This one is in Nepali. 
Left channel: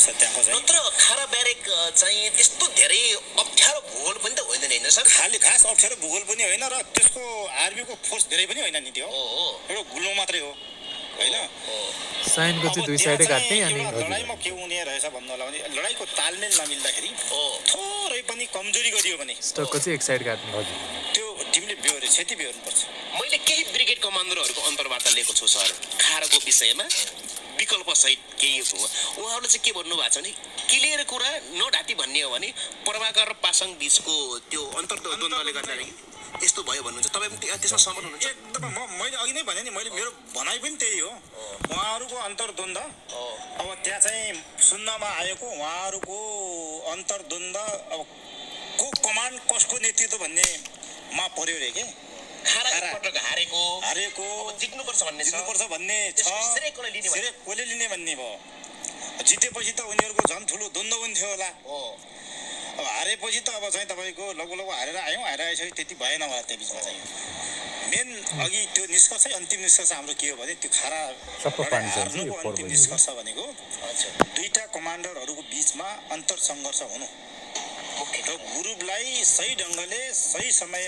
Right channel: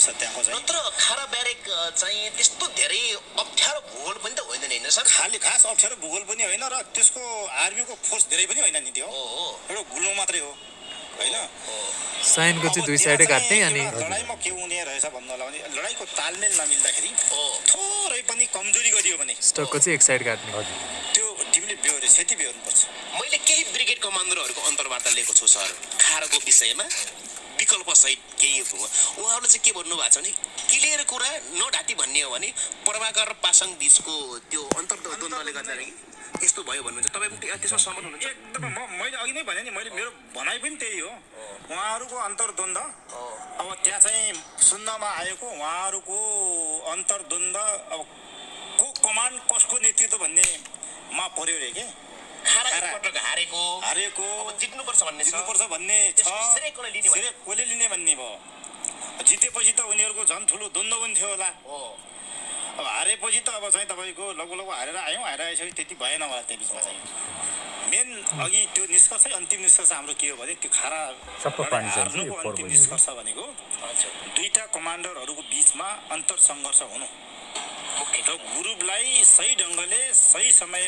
रहेछ त्यहाँको चाहिँ। नत्र खारा ब्यारेक चाहिँ त्यस्तो धेरै अप्ठ्यारो भूगोल पनि त होइन नि होइन सर? खाली खास अप्ठ्यारो भूगोल पनि होइन र त्यसको आर्मीको फोर्स धेरै पनि होइन नि त्यो। एउटा गुल्म मात्रै हो होइन। साइनको चाहिँ दुई साइडै काट्ने अनि लडाइँमा के हुने रहेछ भन्नु होला भने लडाइँको तालमेल नमिल्दाखेरि थोरै पनि कमजोरी गरियो भने स्टकको चाहिँ एक साइड काट्ने। त्यो टिमले क्षति बेहोर्नुपर्छ। मैले केही ब्रिगेड कमान्डरहरूको अन्तर्वार्ता लिएको छु सर खाराको विषयमा विकल्प सहित केही हो। उहाँहरूले चाहिँ के भन्नु भएको छ भने क्लियर कुरा नढाँटी भन्ने हो भने प्रभाकर र पासाङ बिचको त्यो अन्तर्द्वन्द्वले गर्दाखेरि यस्तो भयो भन्नुहुन्छ। तपाईँ त्यसमा सहमत हुनुहुन्छ? एकदम मैले अघि नै भने नि, मैले मेरो भनाइ पनि त्यही हो। उहाँहरूको अन्तर्द्वन्द अब त्यहाँ चाहिँ सुन्नमा आएको उहाँहरूको अन्तर्द्वन्द अब को कमान्ड कसको नेतृत्व भन्नेमा पर्यो रे के। हारेको जित्नुपर्छ भन्ने छ। कसले लिने भन्ने भयो। जितेपछि त उनीहरूको झन् ठुलो द्वन्द्व पनि थियो होला। अब हारेपछि त अब चाहिँ तपाईँको लगभग हारेर आइसक्यो त्यति भएन होला त्यो बिचमा चाहिँ। मेन अघि त्यो निष्कर्ष अन्तिम निष्कर्ष हाम्रो के हो भने त्यो खारा हार्नुको अन्तिम निष्कर्ष भनेको दुईटा कमान्डरहरूको बिचमा अन्तर सङ्घर्ष हुनु र ग्रुपलाई सही ढङ्गले सही समय